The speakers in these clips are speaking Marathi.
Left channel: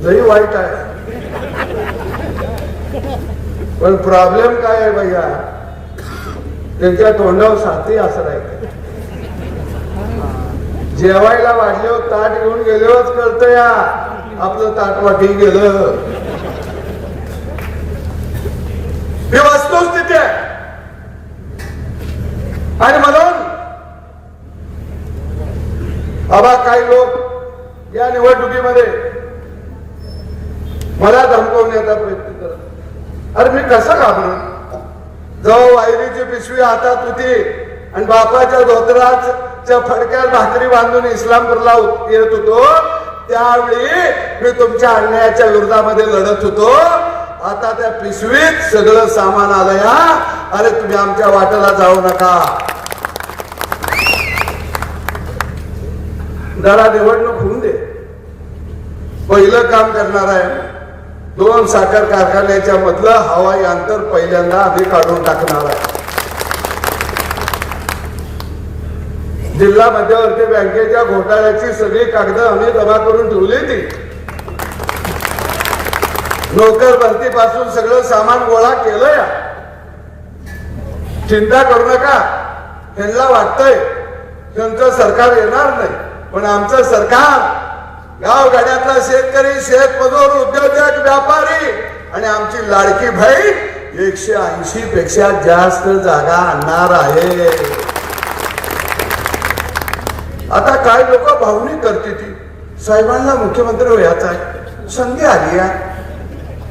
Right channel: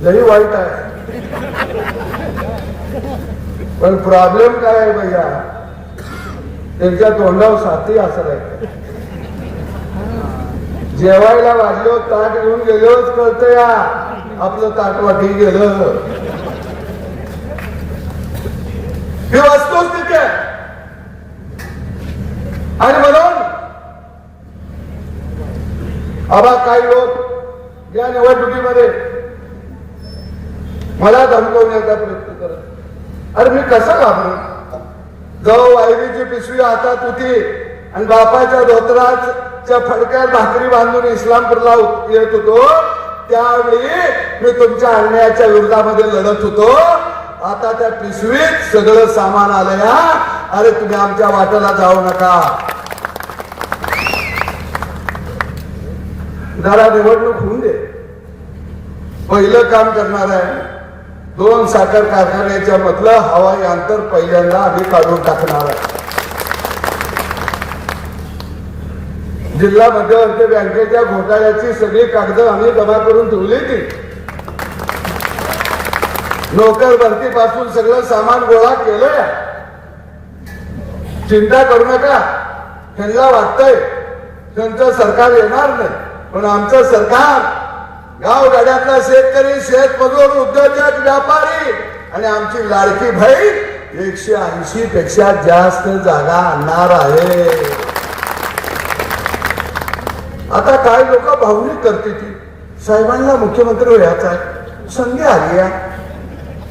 लई वाईट आहे. पण प्रॉब्लेम काय आहे भैया? त्यांच्या तोंडावर साथी असं जेवायला वाढलो ताट घेऊन गेलोच कळतं या. आपलं ताट वाटी गेलं. मी वाचतोच तिथे. आणि म्हणून आबा काही लोक या निवडणुकीमध्ये मला धमकवण्याचा प्रयत्न करत अरे मी कसं घाबरू? जवळ वायरीची पिशवी हातात होती आणि बापाच्या धोत्राच्या फडक्यात भाकरी बांधून इस्लामपूरला येत होतो. त्यावेळी मी तुमच्या अन्यायाच्या विरोधामध्ये लढत होतो. आता त्या पिशवीत सगळं सामान आलं या अरे तुम्ही आमच्या वाटेला जाऊ नका. जरा निवडणूक होऊन दे. पहिलं काम करणार आहे दोन साखर कारखान्याच्या मधलं हवाई अंतर पहिल्यांदा आम्ही काढून टाकणार आहोत. जिल्हा मध्यवर्ती बँकेच्या घोटाळ्याची सगळी कागद आम्ही जमा करून ठेवली ती नोकर भरतीपासून सगळं सामान गोळा केलं या चिंता करू नका. त्यांना वाटतंय त्यांचं सरकार येणार नाही पण आमचं सरकार गाव गाड्यातला शेतकरी शेतमजूर उद्योजक व्यापारी आणि आमची लाडकी बहीण एकशे ऐंशी पेक्षा जास्त जागा आणणार आहे. आता काय लोक भावनिक करते ती? साहेबांना मुख्यमंत्री व्हायचा आहे. संधी आली आहे.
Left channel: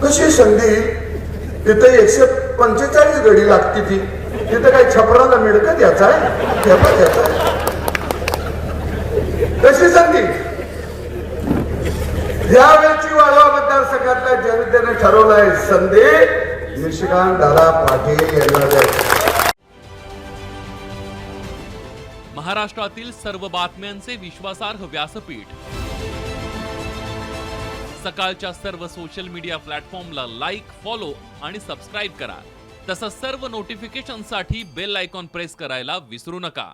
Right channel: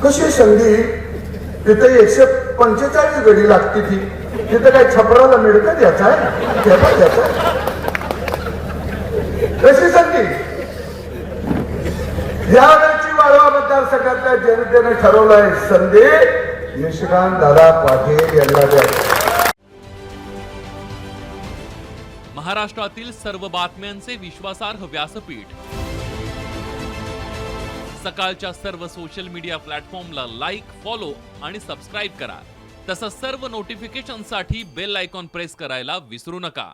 कशी संधी? तिथे एकशे पंचेचाळीस गडी लागते ती. तिथे काही छपराला मिळतं आहे? त्याचा द्यायचा आहे. कशी संधी? यावेळची वाळवा मतदारसंघातल्या जनतेने ठरवलंय संधी. निशिकांत दादा पाटील यांना द्या. महाराष्ट्रातील सर्व बातम्यांचे विश्वासार्ह व्यासपीठ. सकाळच्या सर्व सोशल मीडिया प्लॅटफॉर्मला लाईक फॉलो आणि सबस्क्राईब करा. तसंच सर्व नोटिफिकेशनसाठी बेल आयकॉन प्रेस करायला विसरू नका.